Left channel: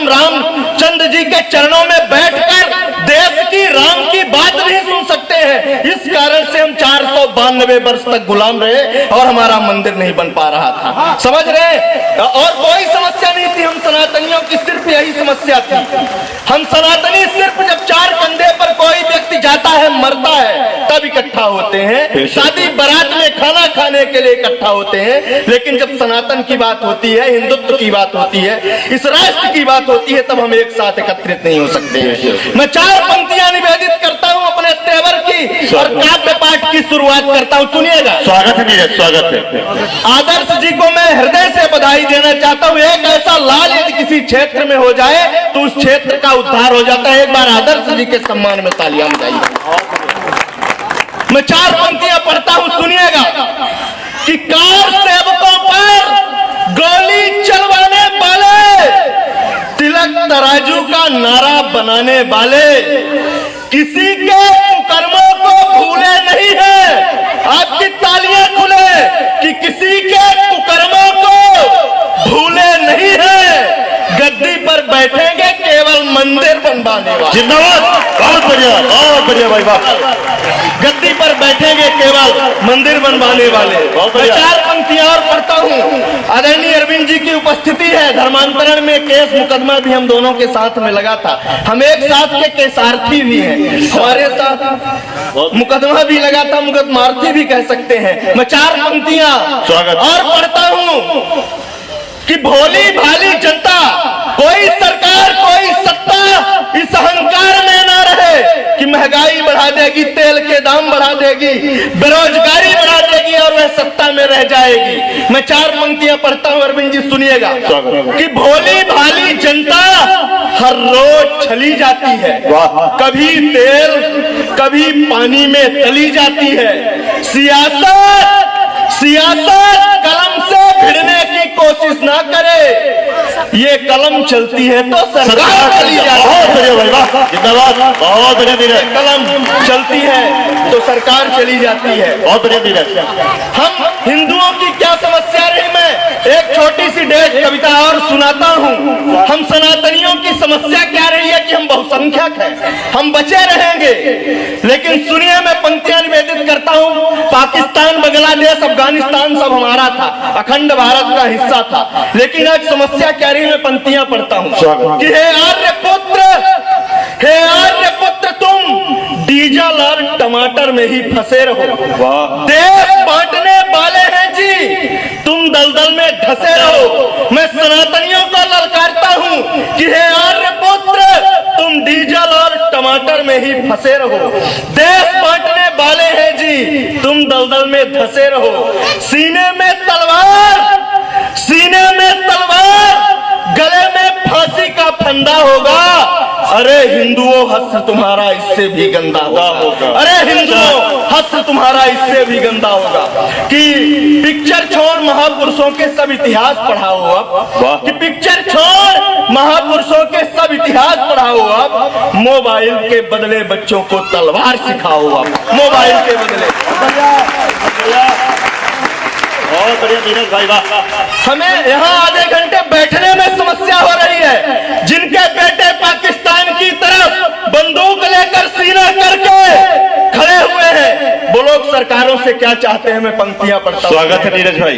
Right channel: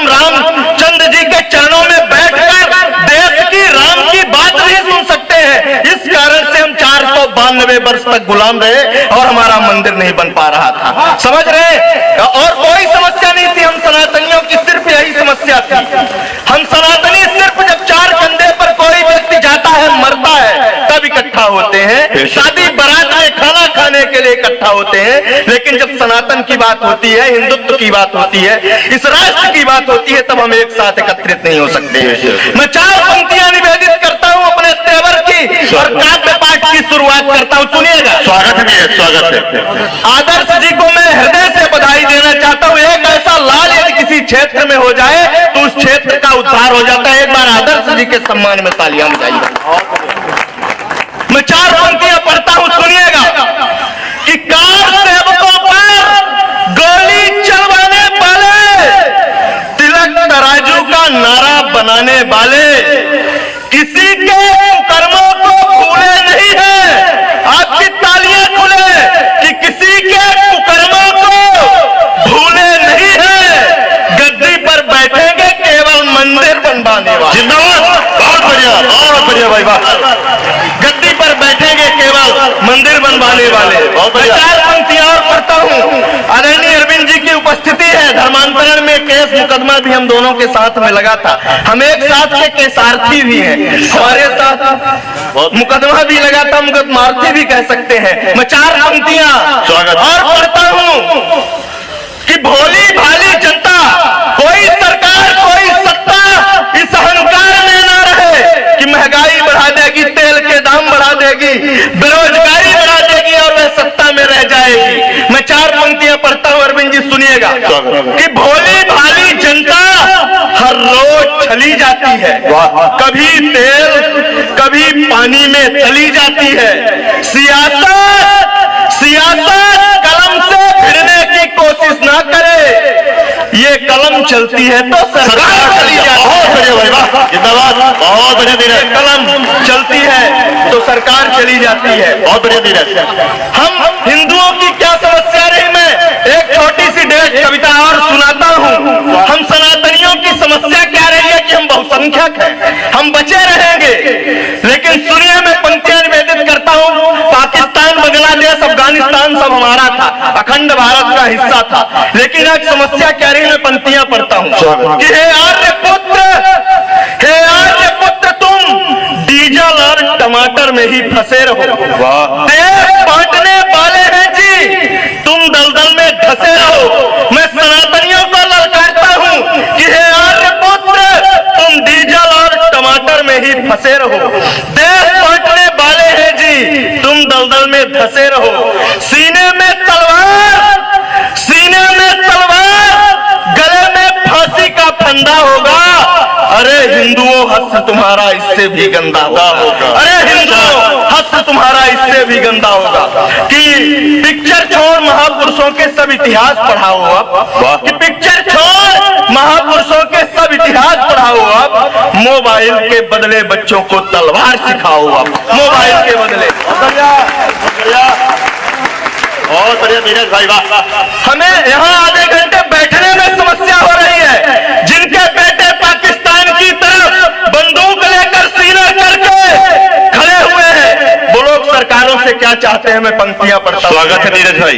हम रामचंद्र जी के चरणों में बैठकर देश की राम की बात नहीं सुन सकते हैं। इस कारण से हम 492 वर्ष तक गुलाम रहे और हमारा मंदिर नहीं बन पा रहा था। समझ रहे? और कोई समस्या नहीं थी, हम सनातनियों की सिर्फ यही समस्या थी। हम सनातनी सिर्फ जब चार कंधे पर कोई व्यक्ति जाता है, मरता है, तब इकट्ठा होते हैं। शादी बारात में खाना खाने के लिए इकट्ठा होते हैं। लेकिन जब सनातन की बात होती है, हिंदुत्व की बात होती है, इस राष्ट्र की बात होती है, तब हम एक साथ एकत्रित नहीं हो सकते। मैं 4 पंक्तियां निवेदित करता हूं अपने तेवर की और काव्य पाठ की शुरुआत करता हूं। सुनिएगा। स्वागत है, स्वागत है। आदर्श जी को मैं हृदय से बधाई देना चाहता हूं। एक ऐसा लाल यदि किसी क्षेत्र में हो जाए तो उस क्षेत्र का उद्धार हो जाता है। एक बार आदर्श जी के सम्मान में तालियां बजाइए। मैं 4 पंक्तियां पढ़ता हूं, सुनिएगा। कि कार सेवकों पर गोली चलवाने वाले, तिलक तराजू का नारा बनाने वाले, किसी के कुकर्मों को भूले नहीं है। आपकी तालियां खुले कि किसी के कुकर्मों को भूले नहीं है। गद्दी पर बैठेंगे केवल मंदिर बनवाने वाले। जिंदाबाद, बहुत बढ़िया भाई, वाह। गद्दी पर बैठेंगे केवल मंदिर बनवाने वाले। 4 पंक्तियां और पढ़ता हूं। आदरणीय अरविंद जी की उपस्थिति है। धर्मांतरण में केस मुकदमा भी हम दोनों के साथ में लगा था। हम एक साथ के केसार्थी भी हैं, हमारे साथ मुकदमा भी लगा था, मुकदमार्थी भी कह सकते हैं। मैं 4 पंक्तियां और पढ़ता हूं कि भोली भाली जनता, कोई सरकार कोई सत्ता इस अहंकार में ना रहे कि महंगाई बढ़ा देगी, तेल के दाम बढ़ा देगी, बेरोजगारी बढ़ा देगी और वह सत्ता में रह जाएगी। मैं 4 पंक्तियां पढ़ता हूं, अरविंद जी सुनिएगा। कि भोली भाली जनता हर रोज छली जाती है, कभी तेल कभी पानी में तली जाती है। सियासत कलम से भिड़ने की कोशिश ना करे, ये कलम चलती है तो सरकार चली जाती है। बहुत बढ़िया भाई, वाह, जिंदाबाद, बहुत बढ़िया धीरज। कलम चलती है तो सरकार चली जाती है। बहुत बढ़िया धीरज। हम हिंदुओं की क्या समस्या रही, मैं एक छोटी सी डेढ़ कविता और सुनाता हूँ। हम सनातनियों की समस्या क्या रही है कि हम बहुसंख्यक हैं, हम बचे रहेंगे। लेकिन सुनिए, मैं पंक्तियां निवेदित करता हूँ। पाकिस्तान, बांग्लादेश, अफगानिस्तान सब हमारा था, अखंड भारत का हिस्सा था। लेकिन आज समस्या क्या रही, मैं पंक्तियां पढ़ता हूँ कि हे आर्यपुत्र, हे आर्यपुत्र, तुम डीजल और टमाटर में ही फंसे रहो। देश बांटने वाले हैं जी, तुम दलदल में धंसे रहो। मैं सनातनियों को ललकारता हूँ कि हे आर्यपुत्र, तुम डीजल और टमाटर में ही फंसे रहो। देश बांटने वाले हैं जी, तुम दलदल में धंसे रहो। सीने में तलवार, सीने में तलवार, गले में फांसी का फंदा होगा। अरे हिंदुओं, हस्त तुम्हारा इससे भी गंदा होगा। अरे हिंदुओं, हस्त तुम्हारा इससे भी गंदा होगा। कि पिक्चर छोड़ महापुरुषों के सब इतिहास पढ़ाओ अब, कि पिक्चर छोड़ महापुरुषों के सब इतिहास पढ़ाओ अब, मोबाइल के बदले बच्चों को तलवार सिखाओ अब, मोबाइल के बदले। बहुत बढ़िया धीरज भाई, वाह। हमें यहाँ आधे घंटे बैठने में समस्या हो रही है। जिनके बेटे पाकिस्तान की तरफ बंदूक लेकर सीना करके खड़े हुए हैं, वो लोग सरकारों से क्या चाहते हैं, मैं पंक्तियां पढ़ता हूं। स्वागत है धीरज भाई।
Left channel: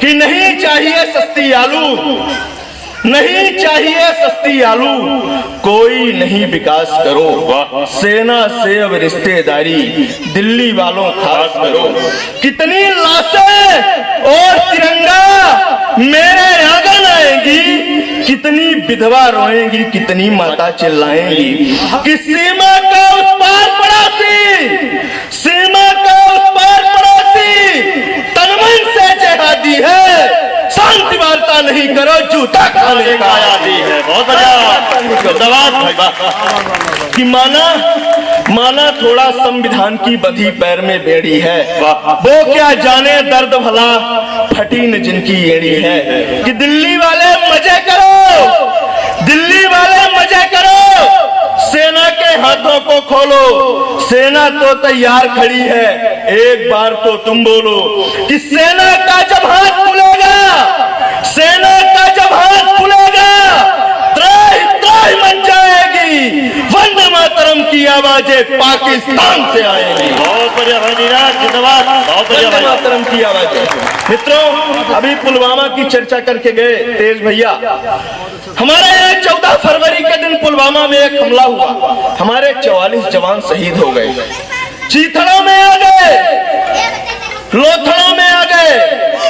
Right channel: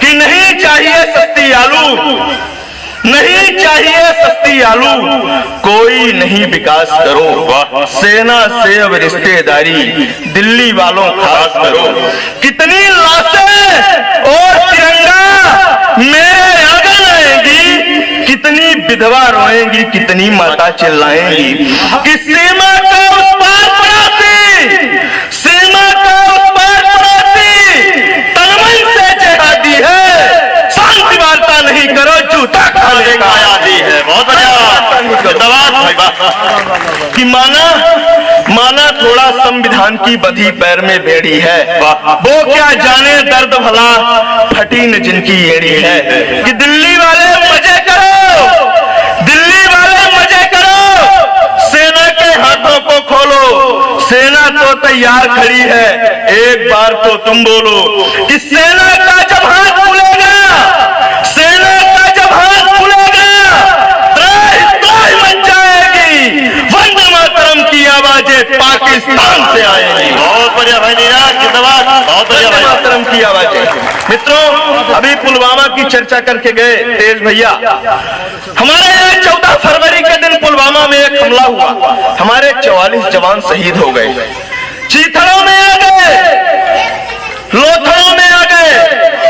कि नहीं चाहिए सस्ती आलू, नहीं चाहिए सस्ती आलू, कोई नहीं विकास करो, सेना से अब रिश्तेदारी दिल्ली वालों खास करो। कितनी लाशें और तिरंगा मेरे आंगन आएंगी, कितनी विधवा रोएंगी, कितनी माता चिल्लाएंगी। कि सीमा का उस पार पड़ोसी, सीमा का उस पार पड़ोसी तनमन से जिहादी है, शांति वार्ता नहीं करो, जूता खाने का आदी है। बहुत बढ़िया, धन्यवाद भाई, वाह। कि माना थोड़ा संविधान की बधी पैर में बेड़ी है, वो क्या जाने दर्द भला फटी न जिनकी एड़ी है। कि दिल्ली वाले मजे करो, दिल्ली वाले मजे करो, सेना के हाथों को खोलो, सेना तो तैयार खड़ी है, एक बार तो तुम बोलो। कि सेना का जब हाथ खुलेगा, सेना का जब हाथ खुलेगा, त्रय आवाजें पाकिस्तान से आएंगी। बहुत बढ़िया भाई नीरज, जिंदाबाद। बहुत बढ़िया भाई। मातरम की आवाजें। मित्रों, अभी पुलवामा की चर्चा करके गए तेज भैया। हमारे यहाँ 14 फरवरी के दिन पुलवामा में एक हमला हुआ, हमारे 44 जवान शहीद हो गए। चीथड़ों में आ गए, लोथड़ों में आ गए,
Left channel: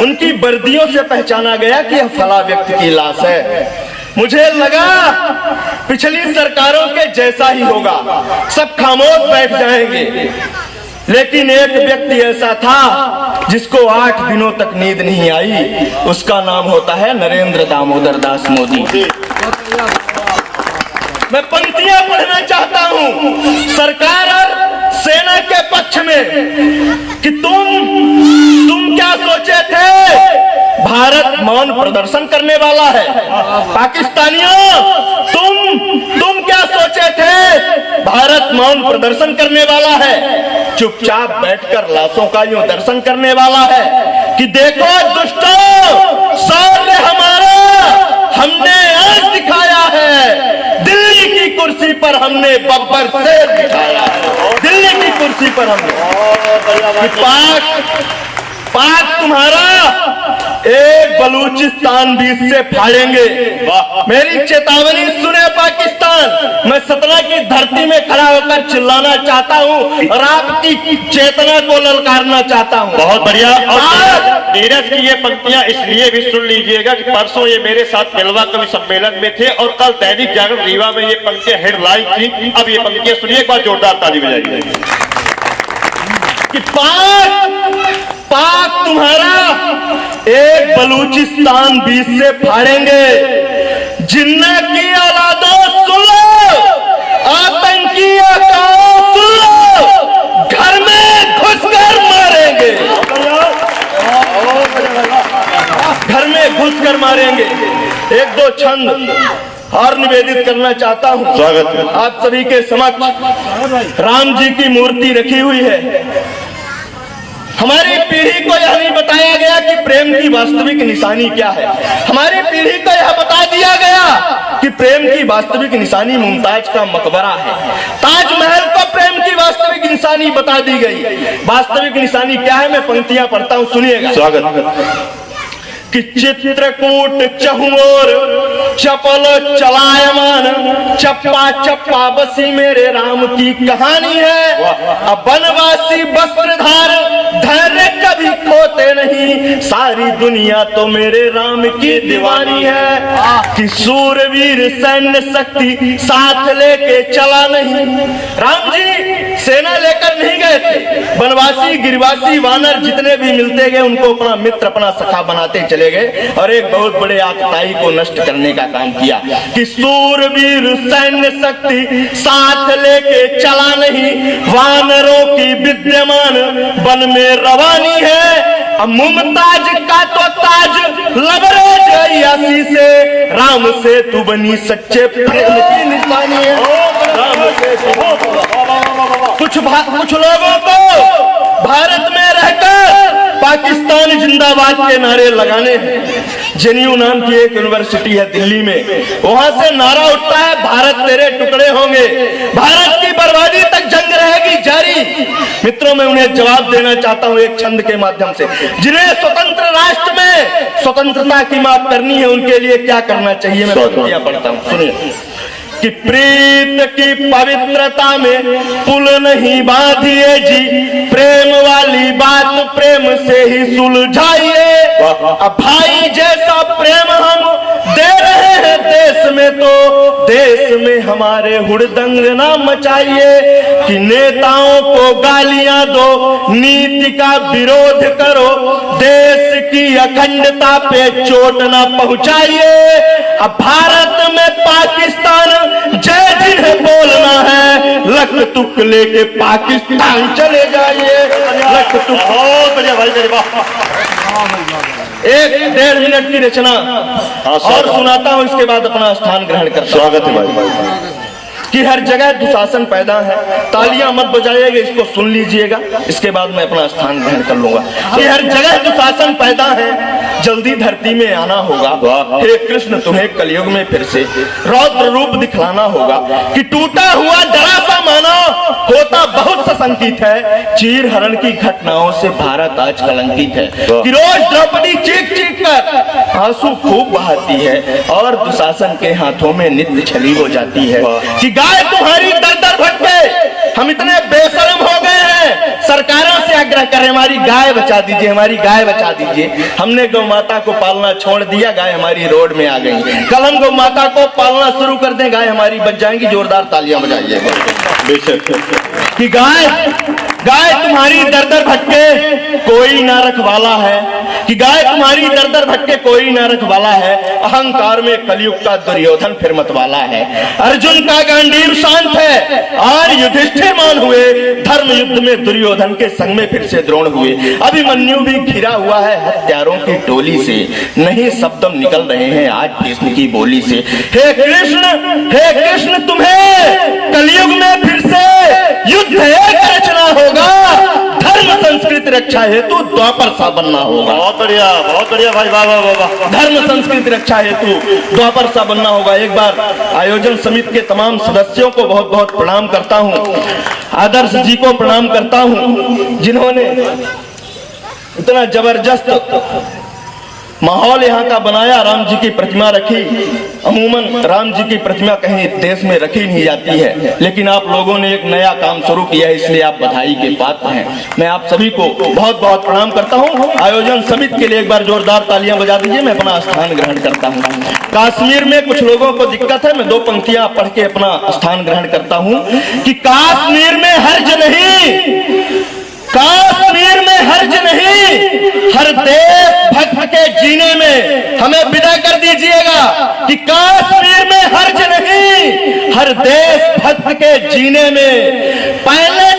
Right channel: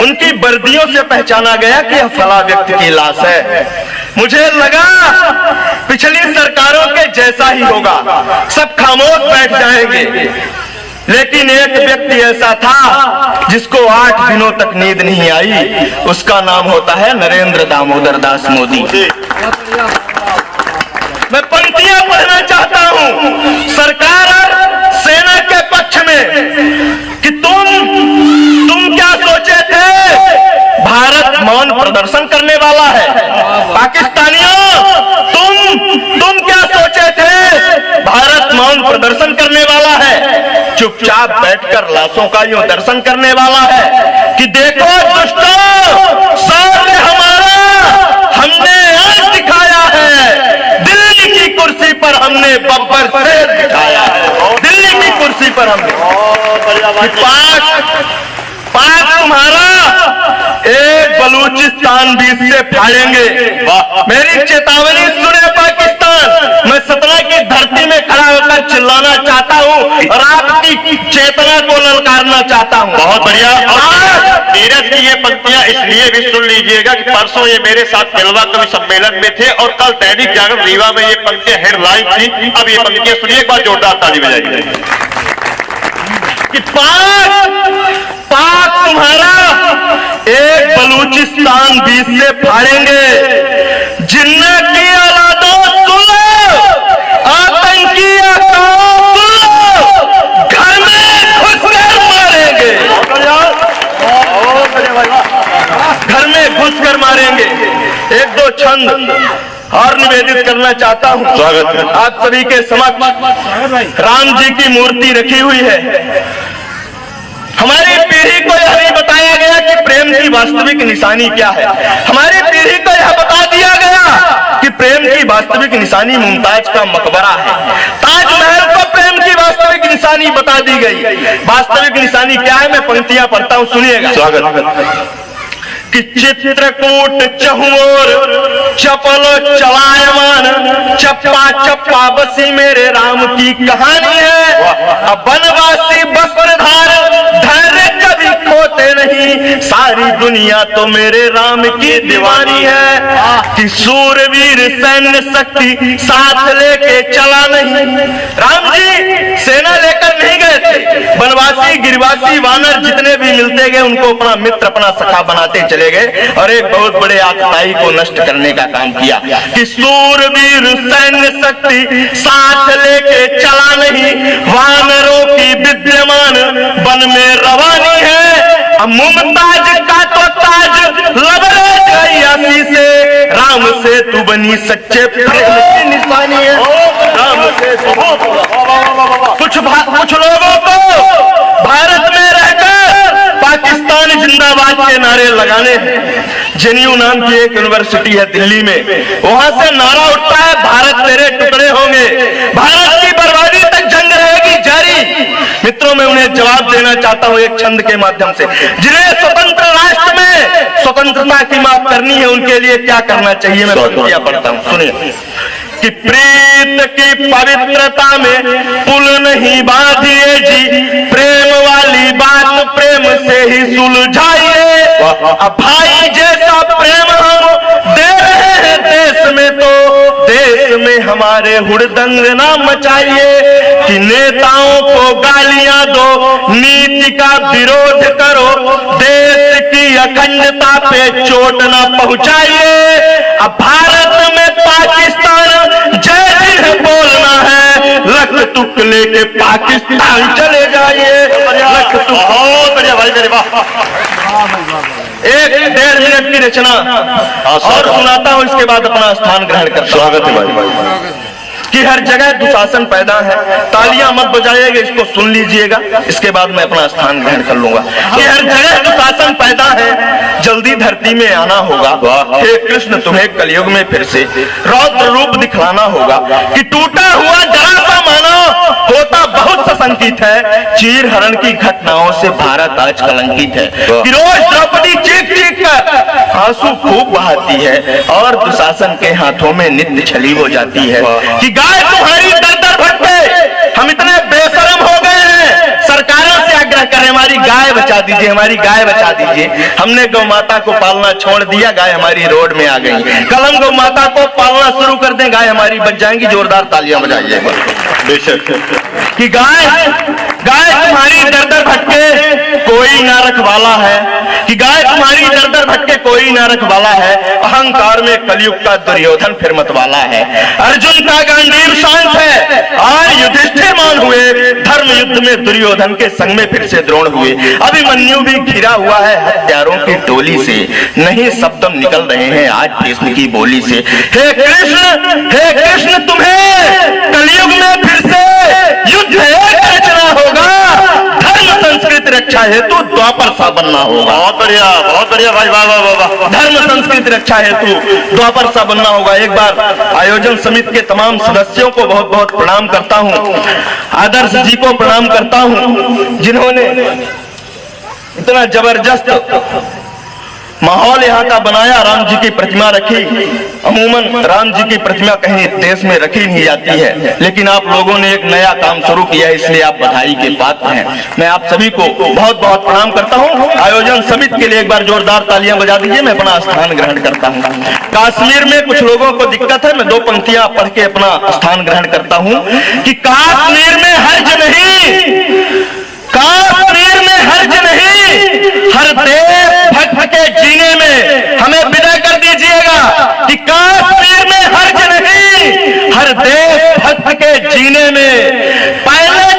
उनकी वर्दियों से पहचाना गया कि यह फला व्यक्ति की लाश है। मुझे लगा पिछली सरकारों के जैसा ही होगा, सब खामोश बैठ जाएंगे, लेकिन एक व्यक्ति ऐसा था जिसको 8 दिनों तक नींद नहीं आई। उसका नाम होता है नरेंद्र दामोदर दास मोदी। मैं पंक्तियां पढ़ना चाहता हूं सरकार और सेना के पक्ष में कि तुम क्या सोचे थे? भारत मौन प्रदर्शन करने वाला है। पाकिस्तानियों, तुम क्या सोचे थे? भारत मौन प्रदर्शन करने वाला है, चुपचाप बैठकर लाशों का यूं दर्शन करने वाला है कि देखो दुष्टों, शौर्य हमारा हमने आज दिखाया है। दिल्ली की कुर्सी पर हमने बब्बर शेर दिखाया है। दिल्ली की कुर्सी पर हमने पाक तुम्हारा एक बलूचिस्तान बीच से फाड़ेंगे। मेरी चेतावनी सुने पाकिस्तान, मैं सतना की धरती में खड़ा होकर चिल्लाना चाहता हूँ और आपकी चेतना को ललकारना चाहता हूँ। बहुत बढ़िया। और नीरज की ये पंक्तियां इसलिए भी सुन लीजिएगा कि परसों ये मेरे साथ जलवा कवि सम्मेलन में थे और कल दैनिक जागरण रीवा में ये पंक्तियां हेडलाइन थी। अब ये पंक्तियां सुनिए, एक बार जोरदार ताली बजाइए कि पाक तुम्हारा एक बलूचिस्तान बीच से फाड़ेंगे। जिन्ना की औलादों सुन लो, आतंकी आकाओं सुन लो, घर में घुसकर मारेंगे, घर में घुसकर मारेंगे। एक दो छंद और निवेदित करना चाहता हूँ। स्वागत है आप सभी के समक्ष राम जी की मूर्ति रखी हुई है। हमारी पीढ़ी को यह नहीं बताया गया कि प्रेम की वास्तविक निशानी क्या है। हमारी पीढ़ी को यह बता दिया गया कि प्रेम की वास्तविक निशानी मुमताज का मकबरा है। ताजमहल को प्रेम की वास्तविक निशानी बता दी गई। वास्तविक निशानी क्या है? मैं पंक्तियां पढ़ता हूँ, सुनिएगा। स्वागत कि चित्रकूट चहुओर चपलो चलायमान, चप्पा चप्पा बसी मेरे राम की कहानी है। अब बनवासी वस्त्रधार धैर्य कभी खोते नहीं, सारी दुनिया तो मेरे राम की दीवानी है। कि सूरवीर सैन्य शक्ति साथ लेके चला नहीं। राम जी सेना लेकर नहीं गए थे, बनवासी गिरिवासी वानर जितने भी मिलते गए उनको अपना मित्र अपना सखा बनाते चले गए और एक बहुत बड़े आतताई को नष्ट करने का काम किया। कि सूरवीर सैन्य शक्ति साथ लेके चला नहीं, वानरों की विद्यमान वन में रवानी है। मुमताज का तो ताज लबरेज गई से, राम से तू बनी सच्चे प्रेम की निशानी है। राम से कुछ लोगों को भारत में रहकर पाकिस्तान जिंदाबाद के नारे लगाने हैं। जेएनयू नाम की एक यूनिवर्सिटी है दिल्ली में, वहां से नारा उठता है भारत तेरे टुकड़े होंगे, भारत की बर्बादी तक जंग रहेगी जारी। मित्रों, मैं उन्हें जवाब देना चाहता हूं एक छंद के माध्यम से। जिन्हें स्वतंत्र राष्ट्र में स्वतंत्रता की मांग करनी है, उनके लिए क्या करना चाहिए? मैं पंक्तियां पढ़ता हूं, सुनिए। कि प्रीत की पवित्रता में पुल नहीं बांधिए जी, प्रेम वाली बात प्रेम से ही सुलझाइए। अब भाई जैसा प्रेम हम दे रहे हैं देश में, तो देश में हमारे हुड़दंग ना मचाइए। कि नेताओं को गालियां दो, नीति का विरोध करो, देश की अखंडता पे चोट ना पहुंचाइए। अब भारत में पाकिस्तान जय जिन्हें बोलना है, लख तुक लेके पाकिस्तान चले जाइए। लख तुक। बहुत बढ़िया भाई मेरे। वाह। 1-1.5 मिनट की रचना और सुनाता हूं, इसके बाद अपना स्थान ग्रहण कर। स्वागत है भाई। कि हर जगह दुशासन पैदा है। तालियां मत बजाइएगा, इसको सुन लीजिएगा, इसके बाद मैं अपना स्थान ग्रहण कर लूंगा। कि हर जगह दुशासन पैदा है, जल्दी धरती में आना होगा। हे कृष्ण, तुम्हें कलयुग में फिर से रौद्र रूप दिखलाना होगा। कि टूटा हुआ जरा सा मानव होता बहुत सशंकित है, चीर हरण की घटनाओं से भारत आज कलंकित है। कि रोज द्रौपदी चीख चीख कर आंसू खूब बहाती है और दुशासन के हाथों में नित्य छली हो जाती है। कि गाय तुम्हारी दर दर भटके, हम इतने बेशरम हो गए हैं, सरकारों से आग्रह करें हमारी गाय बचा दीजिए, हमारी गाय बचा दीजिए। हमने गौ माता को पालना छोड़ दिया, गाय हमारी रोड में आ गई। कल हम गौ माता को पालना शुरू कर दें, गाय हमारी बच जाएंगी। जोरदार तालियां बजाइए। बेशक कि गाय तुम्हारी दर दर भटके कोई ना रखवाला है। कि गाय तुम्हारी दर दर भटके कोई ना रखवाला है, अहंकार में कलयुग का दुर्योधन फिर मतवाला है। अर्जुन का गांडीव शांत है और युधिष्ठिर मान हुए, धर्म युद्ध में दुर्योधन के संग में फिर से द्रोण हुए। अभिमन्यु भी घिरा हुआ है हत्यारों की टोली से, नहीं शब्द निकल रहे हैं आज भीष्म की बोली से। हे कृष्ण तुम्हें कलयुग में फिर से युद्ध रचना होगा, धर्म संस्कृति रक्षा हेतु द्वापर सा बनना होगा। बहुत बढ़िया भाई, वाह वाह वाह। धर्म संस्कृति रक्षा हेतु द्वापर सा बनना होगा। एक बार आयोजन समिति के तमाम सदस्यों को बहुत बहुत प्रणाम करता हूँ, आदर्श जी को प्रणाम करता हूँ, जिन्होंने इतना जबरदस्त माहौल यहाँ का बनाया। राम जी की प्रतिमा रखी, अमूमन राम जी की प्रतिमा कहीं देश में रखी नहीं जाती है, लेकिन आप लोगों ने एक नया काम शुरू किया है, इसलिए आप बधाई के पात्र हैं। मैं आप सभी को बहुत बहुत प्रणाम करता हूँ। आयोजन समिति के लिए एक बार जोरदार तालियां बजा दीजिए। मैं अपना स्थान ग्रहण करता हूँ। कश्मीर में कुछ लोगों को दिक्कत है, मैं 2 पंक्तियां पढ़ के अपना स्थान ग्रहण करता हूँ। कि कश्मीर में हर्ज नहीं, कश्मीर में हर्ज नहीं, हर देश भक्त के जीने में हमें विदा कर दीजिएगा। कि कश्मीर में हर्ज नहीं, हर देश भक्त के जीने में। पहले